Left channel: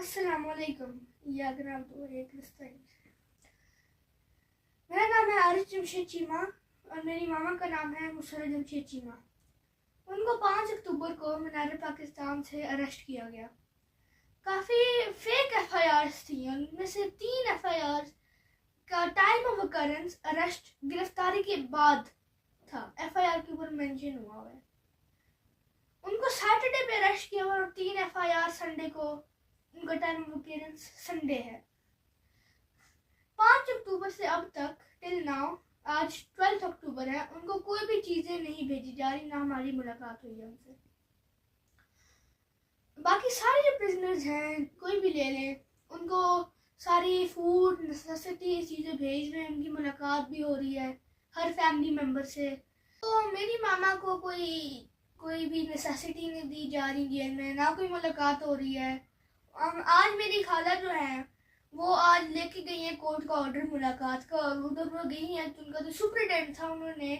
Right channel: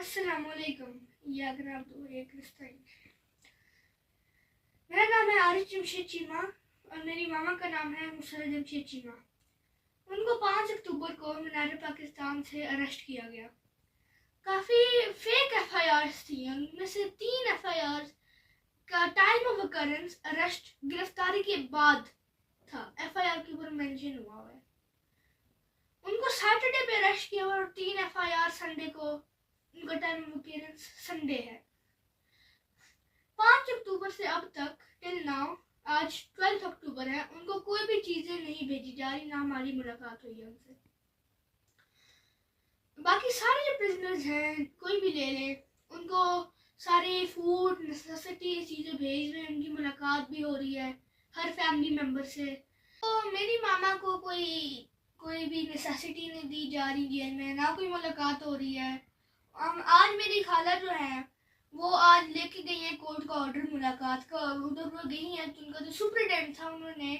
अस्सलामुअलैकुम या जनाब दो एक मेरा नाम है आरिफ जमशेद चीमा और मेरी मामा का नाम है मुसर्रत जमशेद चीमा। उनको 5 अक्टूबर को मीनार पाकिस्तान से अरेस्ट किया गया। काफ़ी फेक एफआईआर्स थी, उनमें से 3 एफआईआर का टाइम ऑफ अकरेंस अरेस्ट गिरफ्तारी के बाद था। एफआईआर के ऊपर मेंशन हुआ है। उनको सैटरडे पे अरेस्ट किया और 3 एफआईआर संडे को, उनका टाइम ऑफ अपीयरेंस संडे है। 5 अक्टूबर से अब तक टिल नाउ, आज 12 अक्टूबर है, उनको कोई भी चीजें नहीं भेजी जा रही, ना हमारी मुलाकात हुई है उनसे। बाकी सारे जो प्रिजनर्स हैं, कोई भी ले लें, उनको सारे फूड नेसेसिटी चीजें भेज रहे हैं, उनकी मुलाकात भी हो रही है हर फैमिली मेंबर से। तो मेरी मामा को कोई भी नेसेसिटी नहीं दी जा रही जेल में, ना कोई मुलाकात हो रही है। आज मेरी खाला जो है वो आज लेके गई है कोर्ट का ऑर्डर मुलाकात का, और उधर वो गई है तो उनका जो सुपरिटेंडेंट था उन्होंने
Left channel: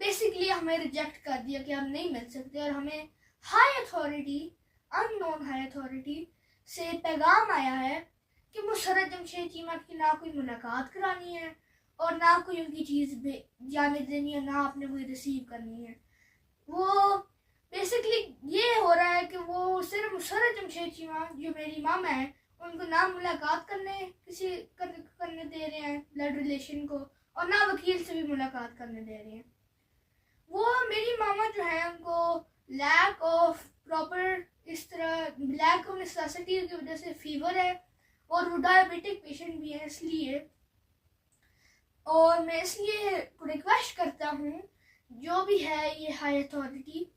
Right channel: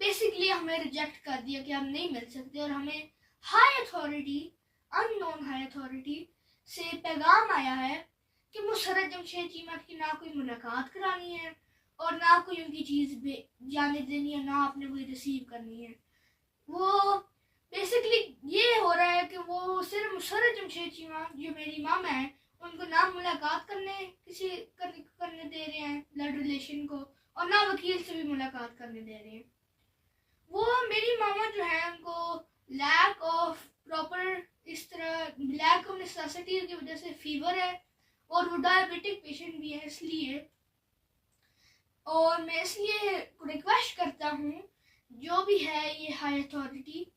बेसिकली हमें रिजेक्ट कर दिया कि हम नहीं मिल सकते, और हमें high authority, unknown high authority से पैगाम आया है कि मुसर्रत जमशेद चीमा की ना कोई मुलाकात करानी है और ना कोई उनकी चीज़ जाने देनी है, ना आपने कोई रिसीव करनी है। वो बेसिकली ये हो रहा है कि वो सिर्फ मुसर्रत जमशेद चीमा जो मेरी मामा है उनको ना मुलाकात करने दे रहे हैं ब्लड रिलेशन को, और ना वकील से भी मुलाकात करने दे रहे हैं। वो मेरी मामा जो है उनको लैक ऑफ प्रॉपर, इस तरह लैक ऑफ नेसेसिटी की वजह से फीवर है और वो डायबिटिक पेशेंट भी है, इसलिए। और मैं इसलिए रिक्वेस्ट करता हूँ जो भी है ये हाई अथॉरिटी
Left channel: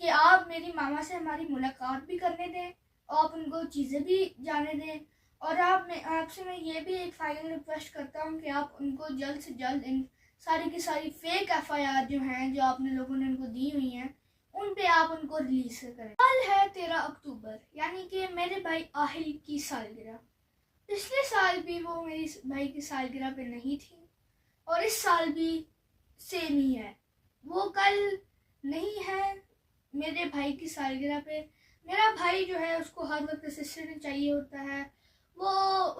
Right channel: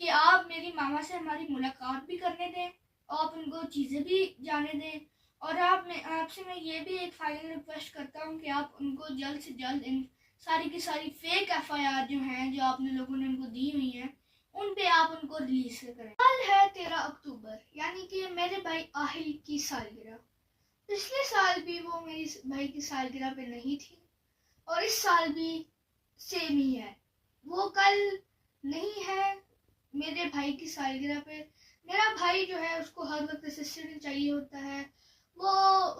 कि आप मेरी मामा से हमारी मुलाकात भी करने दें, आप उनको चीज़ें भी जाने दें, और आपसे मैं ये भी एक फाइनल रिक्वेस्ट करता हूँ कि आप उनको जल्द से जल्द इन सारी की सारी फेक एफआईआर जो हैं, जो आपने लोगों ने उनको दी हुई हैं, उन पे आप उनको रिलीज करें। कल है 13 अक्टूबर, यानी कि मेरे भाई आहिल की सालगिरह। पिछले साल भी वो मेरी भाई की सालगिरह पे नहीं थी और इस साल भी सेम ही है, वो कल नहीं है मेरे भाई की सालगिरह पे। मेरा भाई जो है उसको हर वक्त असिस्टेंट चाहिए होता है, वो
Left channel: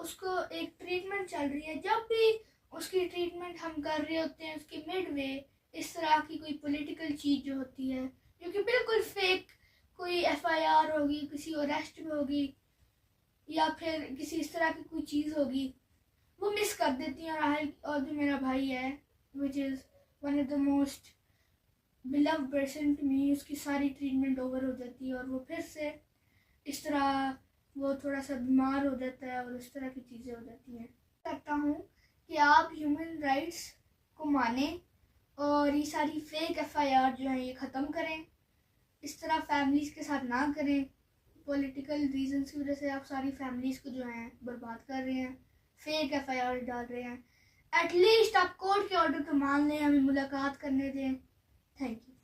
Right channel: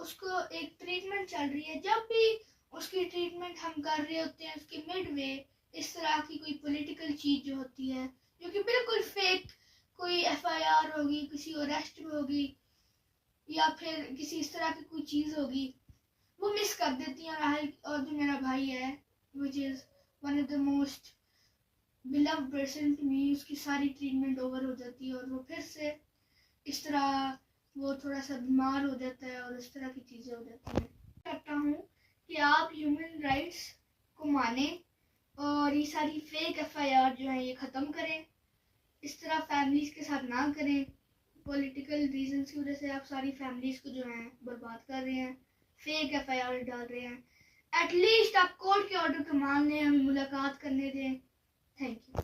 उसको एक ट्रीटमेंट चल रही है। जब भी उसकी ट्रीटमेंट हम कर रहे होते हैं, उसकी मिड वे इस तरह की कोई पॉलिटिकल चीज़ जो होती है, जो कि बिल्कुल फेक, कोई एफआईआर होगी, किसी अरेस्ट में होगी या फिर किसी इस तरह की कोई चीज़ होगी, वो मिस कर देती है। और जो मेरा भाई है, which is one of the most beloved person to me, उसकी सारी ट्रीटमेंट ओवर हो जाती है और वो फिर से इस तरह वो थोड़ा सा बीमार हो जाता है और इस तरह की चीज़ें हो जाती हैं। करता हूँ कि आप ह्यूमन राइट्स को माने और ये सारी फेक एफआईआर जो है ये ख़त्म करें। इस तरह फैमिलीज़ के साथ ना करें। पॉलिटिकल रीजंस की वजह से आप सारी फैमिलीज़ को जो है बर्बाद कर रहे हैं, फेक एफआईआर डाल रहे हैं। एटलीस्ट आप कोर्ट के ऑर्डर को मान लें, हमें मुलाकात करने दें। Thank you.